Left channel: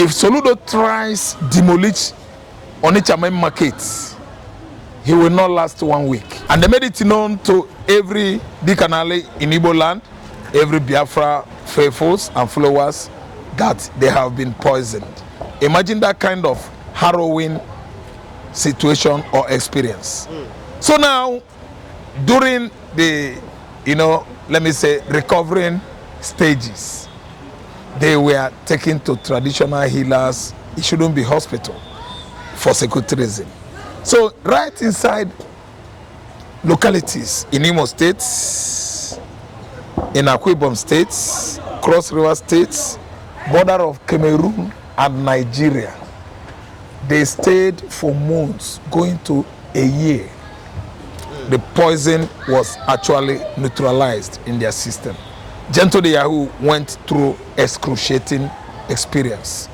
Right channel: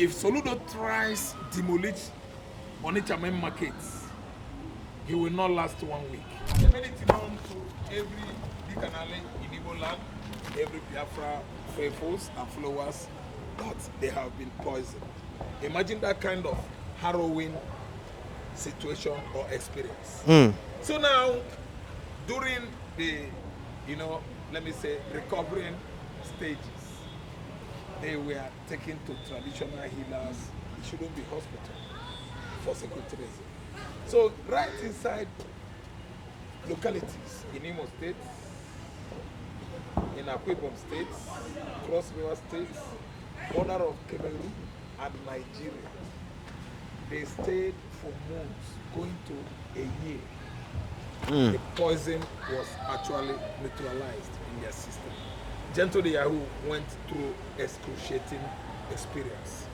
If Soludo tries demolish Onitsha Main Market, he will not last 1 week. And they made it known to every Dikanale in Igbo land, every Biafra faithfuls and followers, that they have been poisoned. Imagine that kind of harrowing situation or experience. So now, during the, let me say, recovering stages, they were taken to traditional healers. It shouldn't be hospital for security reason. So right inside localities in Imo State, in Akwa Ibom State, Cross River State, border of Cameroon and Nigeria, they stayed for months, going to a year. The poison was actually neutralized in their system. Gentle the Yahoo went through excruciating experience.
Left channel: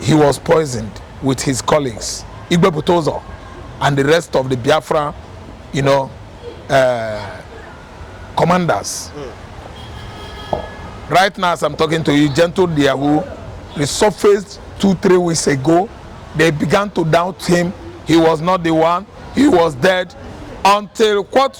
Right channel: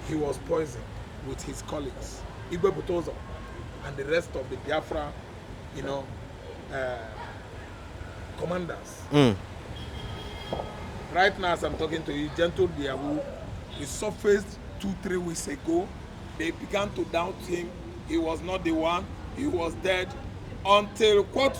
He was poisoned with his colleagues, Igbe Butozo, and the rest of the Biafra, commanders. Right now, as I'm talking to you, Gentle the Yahoo resurfaced 2-3 weeks ago. They began to doubt him. He was not the one. He was dead. Until what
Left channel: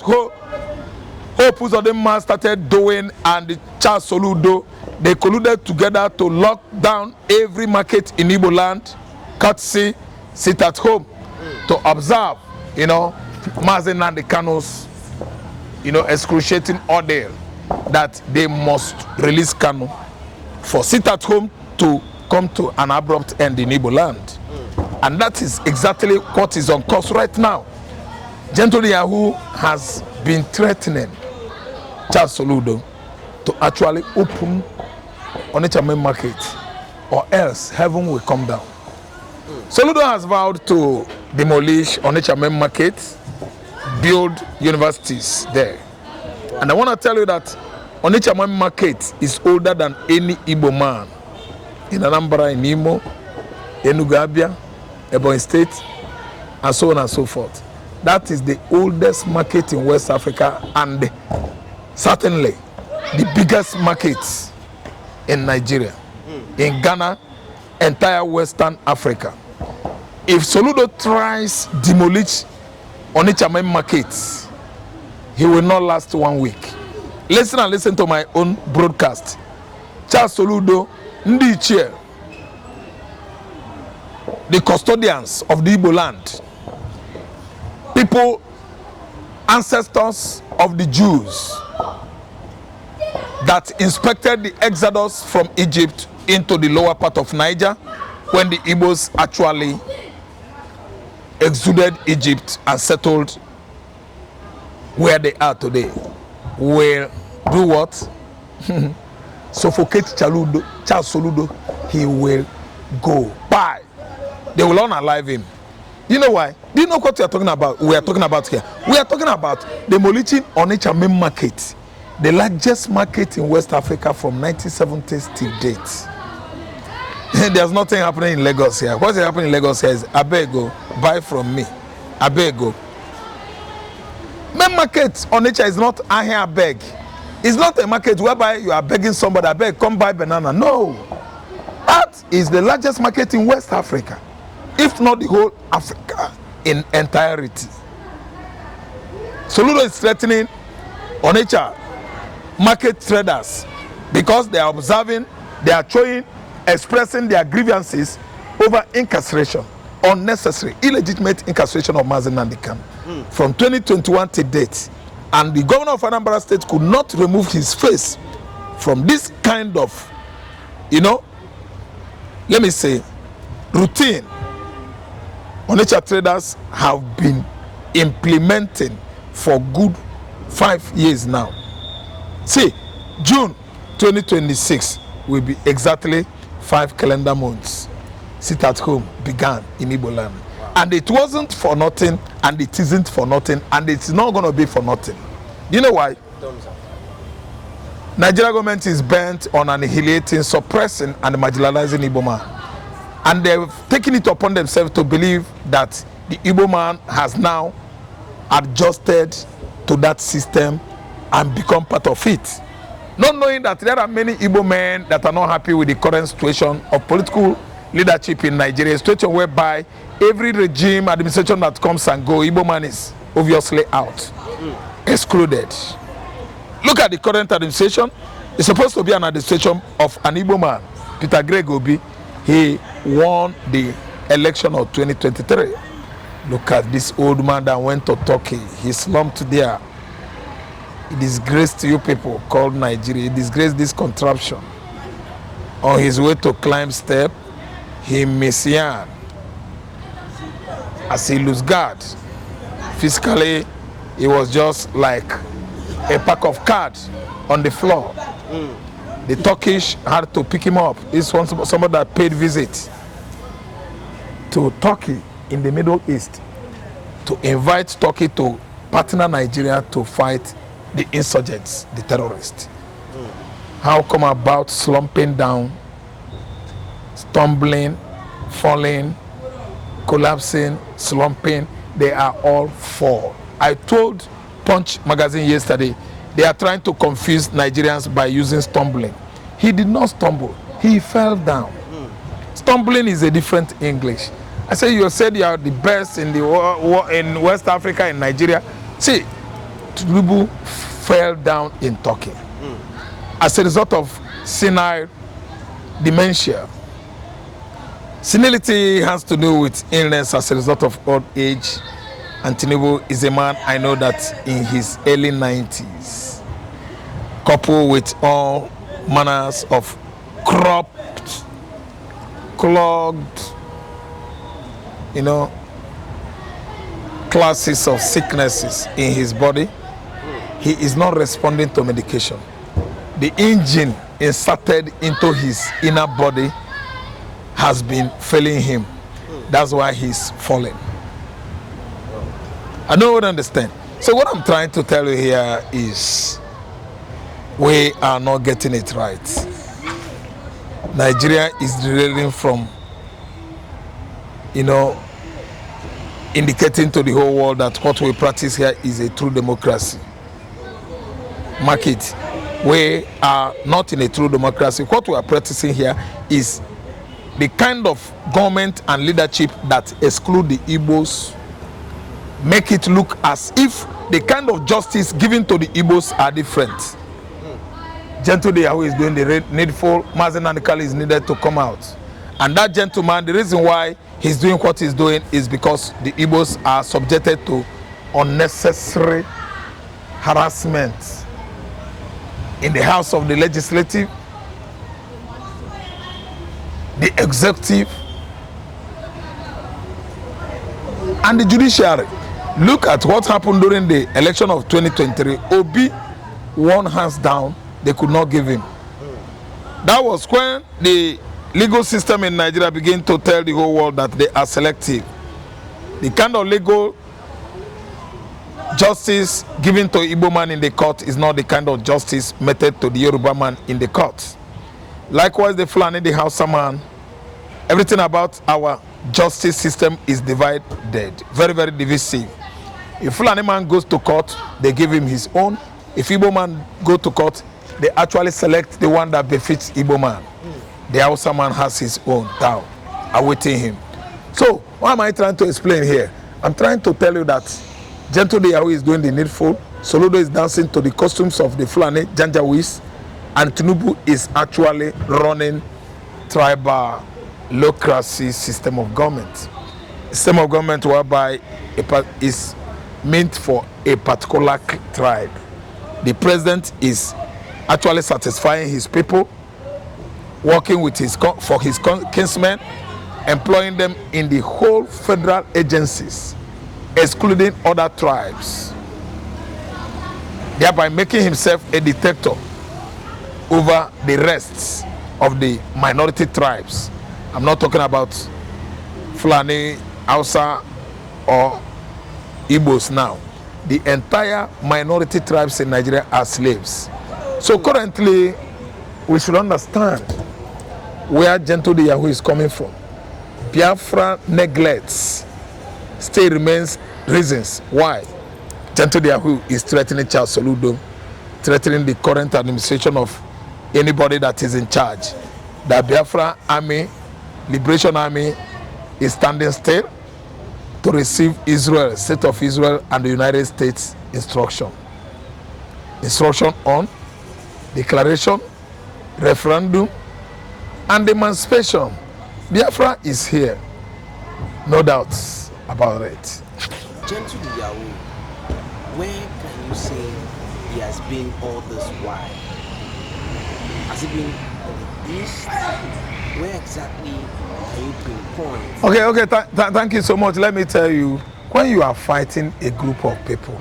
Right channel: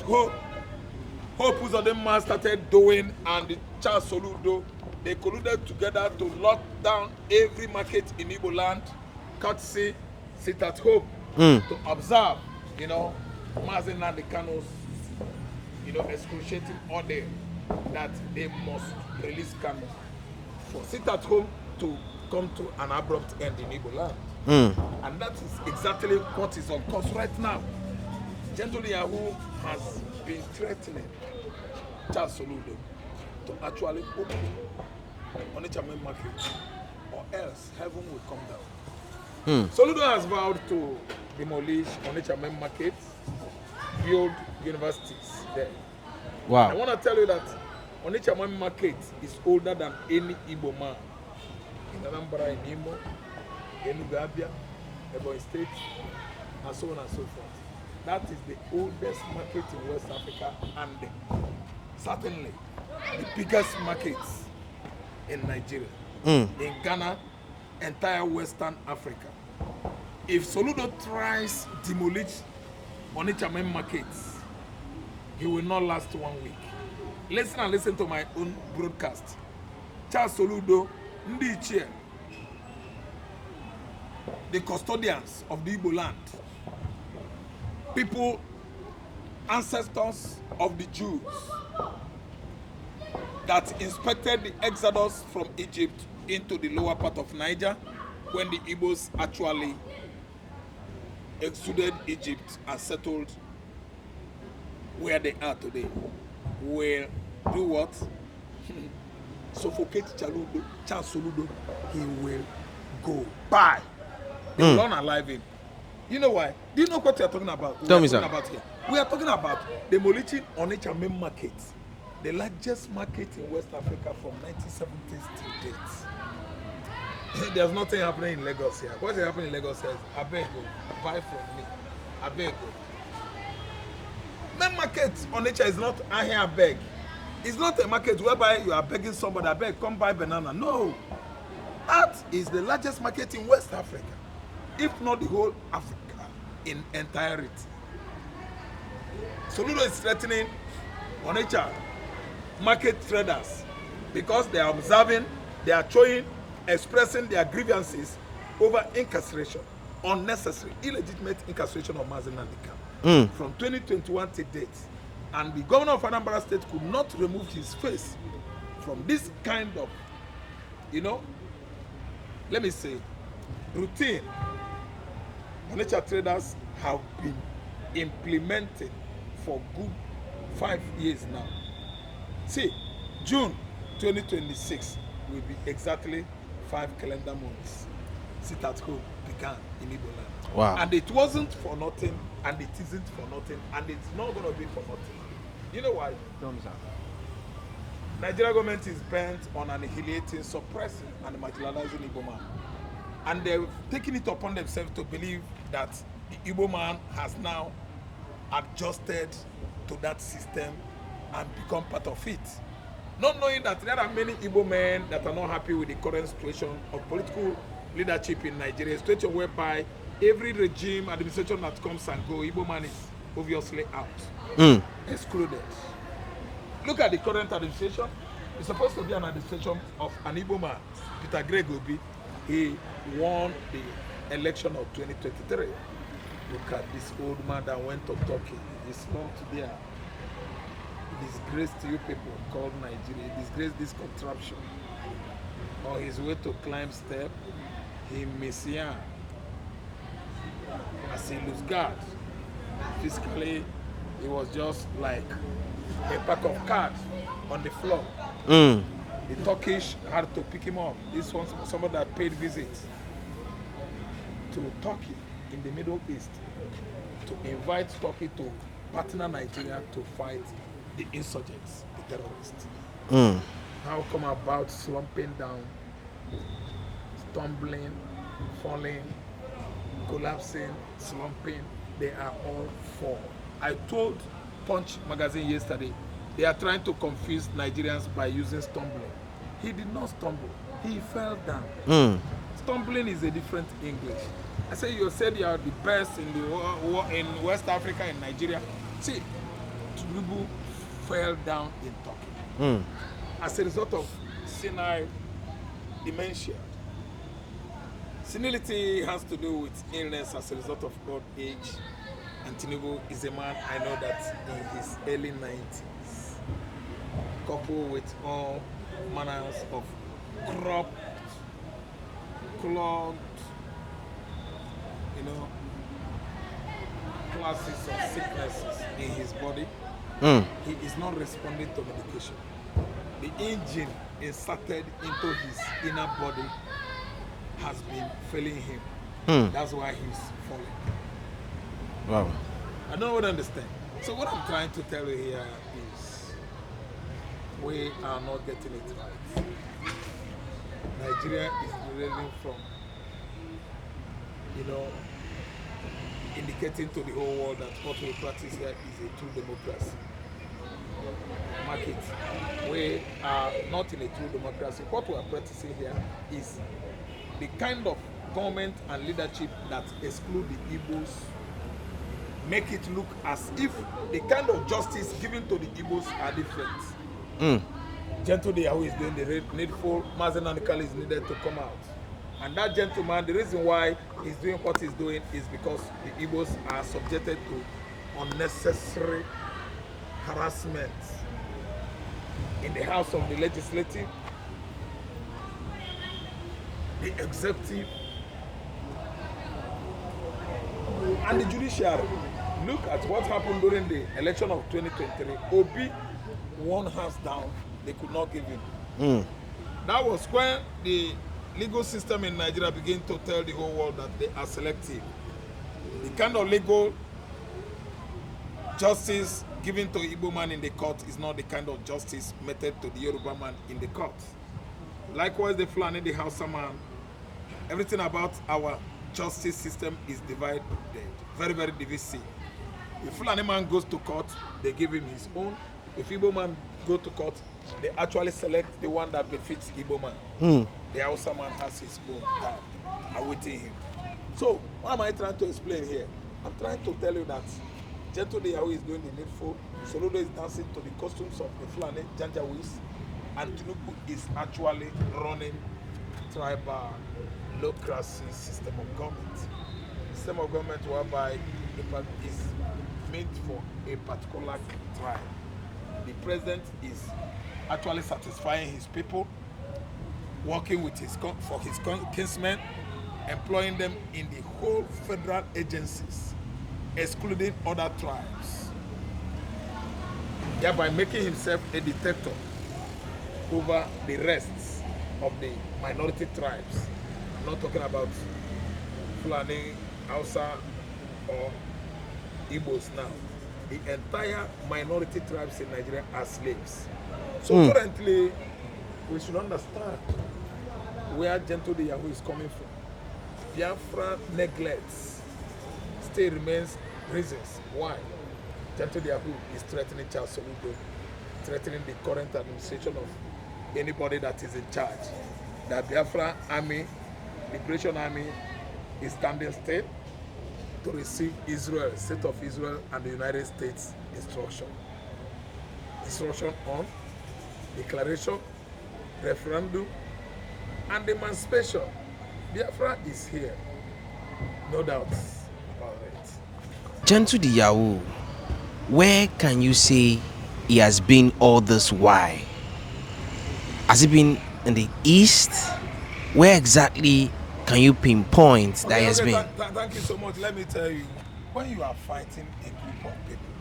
Hope Uzodinma started doing and the Charles Soludo, they colluded together to lock down every market in Igbo land, courtesy, sit at home, to observe, Mazen and the Kano's, excruciating order that they must release Kano for sit at home to come to an abrupt end in Igbo land. And that is exactly what is on course right now. Gentle Yahoo has been threatening Charles Soludo to actually open Onitsha Main Market, or else heaven will come down. Soludo has vowed to demolish Onitsha Main Market, build universities there. Wow. And I want to tell you that Onitsha Main Market is older than any Igbo man in Anambra, in Imo, Enugu, Abia, Ebonyi State, and so on and so forth. That is the oldest market in West Africa and certainly the biggest market in Nigeria, in Ghana, entire Western Africa. If Soludo tries demolish Onitsha Main Market, he will not last 1 week. Listen to my own broadcast. Charles Soludo, Ndichie, the custodians of the Igbo land, people, ancestors of the Jews that inspected the exodus from Egypt into the lower part of Niger when the Igbos actually exuded Egypt and settled where they are today, will do what? Suffocate Charles Soludo. He will go. Bye. They will unalive him. You know why? Do you know what we are talking about? We are talking about here. We are talking about demolishing Onitsha Main Market, the largest market in West Africa from 1970s till date. There's nothing happening in Lagos here. What's happening in Lagos here is Abego, buy from me. Abego. Main market Onitsha is not a here beg. It's not a market whereby you are begging somebody, I beg, come buy banana. No. That is the largest market in West Africa, if not the whole Africa in entirety. Soludo is threatening Onitsha market traders because they are observing, they are showing, expressing their grievances over incarceration, unnecessary, illegitimate incarceration of Mazen Nandikan from 2021 to date. And the governor of Anambra State could not remove his face from this kind of, let me say, routine Onitsha traders have been implementing for good 5 years now. See, June 2026 will be exactly 5 calendar months. Sit at home began in Igbo land. Wow. And it wasn't for nothing, and it isn't for nothing, and it's not going to be for nothing. You know why? Nigeria government is bent on annihilating, suppressing, and marginalizing Igbo man. And they've taken it upon themselves to believe that the Igbo man has now adjusted to that system and become part of it. not knowing that there are many Igbo men that are not happy with the current situation of political leadership in Nigeria, a situation whereby every regime, administration that comes and goes, Igbo man is obviously out, excluded. Look at the current administration. It's supposed to be an administration of an Igbo man, Peter Greg Obi. He won the election of 2023. Look at this old man that went to Turkey. He slumped there. He disgraced you people called Nigeria. He disgraced this contraption. On his way to climb step, he messiah as he lose guard. Physically, he was just like a pack of cards on the floor. The Turkish had to pick him up. This was somebody that paid visit to Turkey in the Middle East to invite Turkey to partner Nigeria to fight the insurgents, the terrorists. How come about slumping down, stumbling, falling, collapsing, slumping? They are all four. I told Punch magazine yesterday, they are trying to confuse Nigerians by using stumbling. He did not stumble, he fell down. Stumbling is a different English. I say you said you are the best in the in West Africa, in Nigeria. See, Tinubu fell down in Turkey as a result of senile dementia. Senility has to do with illness as a result of old age, and Tinubu is a man I know that in his early 90s, coupled with all manners of cropped, clogged, classes of sicknesses in his body, he is not responding to medication. The engine inserted into his inner body has been failing him. That's why he's falling. Wow. I don't understand. So what I'm trying to tell you here is we are not getting it right. Nigeria is derailing from, indicating to the whole world that what we practice here is a true democracy. Mark it. We are not in a true democracy. What we are practicing here is the kind of government and leadership that exclude the Igbos, make it look as if the kind of justice given to the Igbos are different. Gentle Deyahu is doing the needful. Mazen Nanikali is needed to come out. And that gentleman, the reason why he's doing what he's doing is because the Igbos are subjected to unnecessary harassment in the House of the Legislative, the Executive, and the Judiciary. Look at what happened during the election of 2023. Obi won hands down. They could not give him. That was when the legal system in Nigeria began to tell the whole world that they are selective. The kind of legal justice given to Igbo man in the court is not the kind of justice meted to the Yoruba man in the court. Likewise, the Fulani, the Hausa man, everything about our justice system is divided, very, very divisive. If Fulani man goes to court, they give him his own. If Igbo man go to court, they actually select the one that befits Igbo man. The Hausa man has his own down, awaiting him. So, what am I trying to explain here? I'm trying to tell you that Gentle Deyahu is doing the needful, Soludo is dancing to the costumes of the Fulani Janjaweeds, and Tinubu is actually running tribal-locracy system of government. System of government whereby is meant for a particular tribe. The president is actually satisfying his people, working with for his kinsmen, employing them in the whole federal agencies, excluding other tribes, thereby making himself a dictator over the rest of the minority tribes. I'm not talking about Fulani, Hausa, or Igbos now. The entire minority tribes in Nigeria are slaves. So currently, we should understand where Gentle Deyahu is coming from. Biafra neglects, still remains reasons why Gentle Deyahu is threatening Charles Soludo threatening the current administration of anybody that is in charge. The Biafra Army, Liberation Army, is standing still to receive Israel, State of Israel, and the United States instruction. Instruction on declaration, referendum, and emancipation. Biafra is here, no doubts about it. Gentle the Yahoo, where can you say he has been all this while? Has he been in the east? Where exactly can you pinpoint? Okay, thank you so much. Let me tell you, when you are fighting a group of people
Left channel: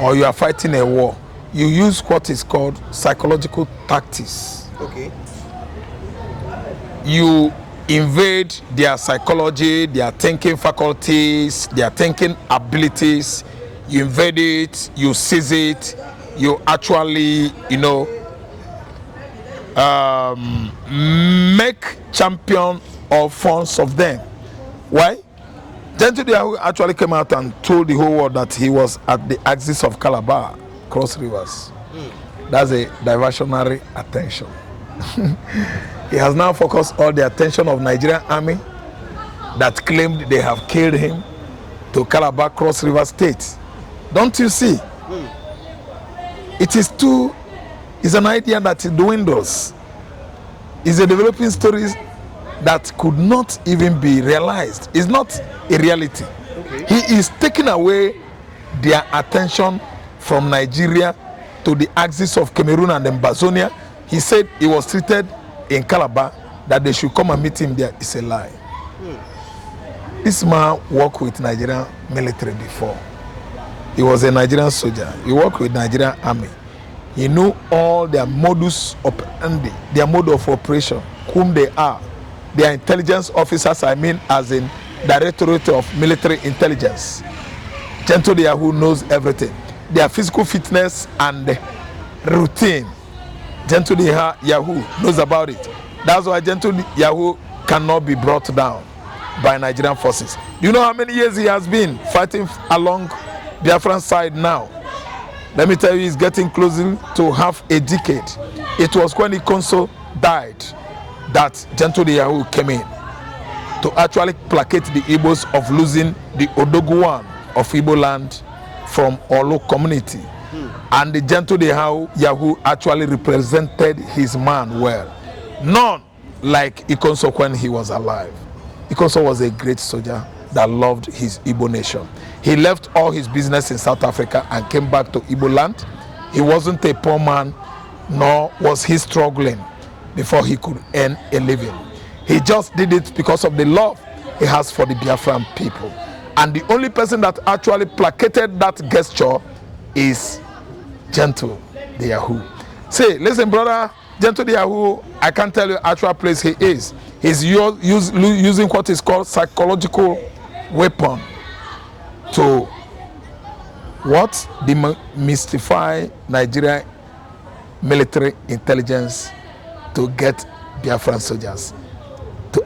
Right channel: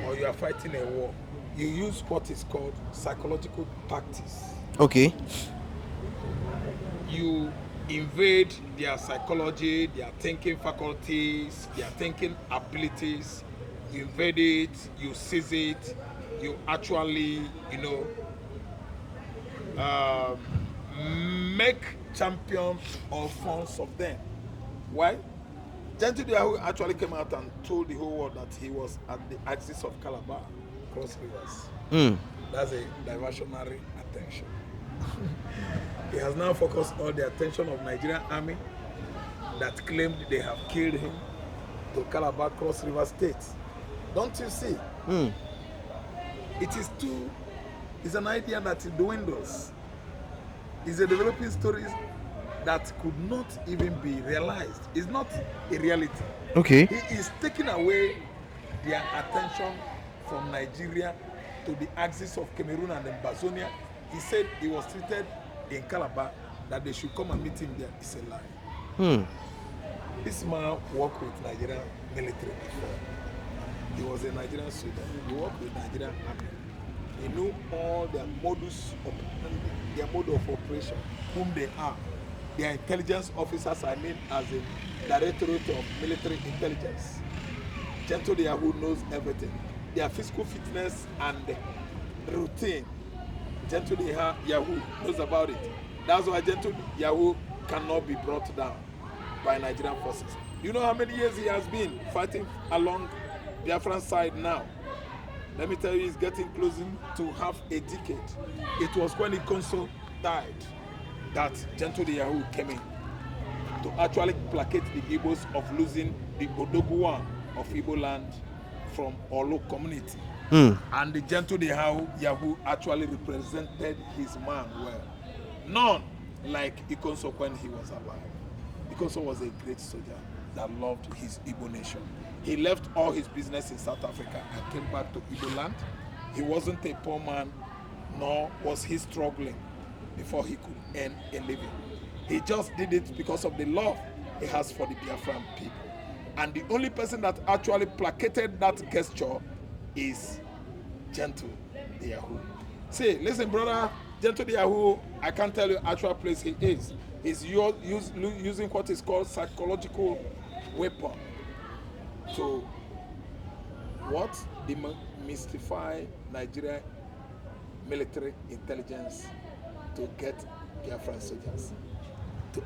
or you are fighting a war, you use what is called psychological tactics. Okay. You invade their psychology, their thinking faculties, their thinking abilities. You invade it, you seize it, you actually, make champion or fans of them. Why? Gentle actually came out and told the whole world that he was at the axis of Calabar, Cross Rivers. That's a diversionary attention. He has now focused all the attention of Nigerian army that claimed they have killed him to Calabar, Cross River State. Don't you see? It's an idea that dwindles. It's a developing story that could not even be realized. It's not a reality. Okay. He is taking away their attention from Nigeria to the axis of Cameroon and Ambazonia. He said he was treated in Calabar, that they should come and meet him there. It's a lie. This man worked with Nigerian military before. He was a Nigerian soldier. He worked with Nigerian army. He knew all their modus operandi, their mode of operation, whom they are. Their intelligence officers, as in Directorate of Military Intelligence. Gentle Yahoo knows everything. Their physical fitness and routine. Gentle Yahoo knows about it. That's why Gentle Yahoo cannot be brought down by Nigerian forces. Do you know how many years he has been fighting along Biafran side now? Let me tell you, he's getting closer to half a decade. It was when Ikonso died that Gentle Yahoo came in to actually placate the Igbos of losing the Odoguwan of Igbo land from Olu community. And the Gentle Yahoo actually represented his man well. None like Ikonso when he was alive. Ikonso was a great soldier that loved his Igbo nation. He left all his business in South Africa and came back to Igbo land. He wasn't a poor man, nor was he struggling before he could earn a living. He just did it because of the love he has for the Biafran people. And the only person that actually placated that gesture is Gentle Yahoo. Say, listen, brother, Gentle Yahoo, I can't tell you actual place he is. He's using what is called psychological weapon to demystify Nigeria military intelligence to get Biafran soldiers to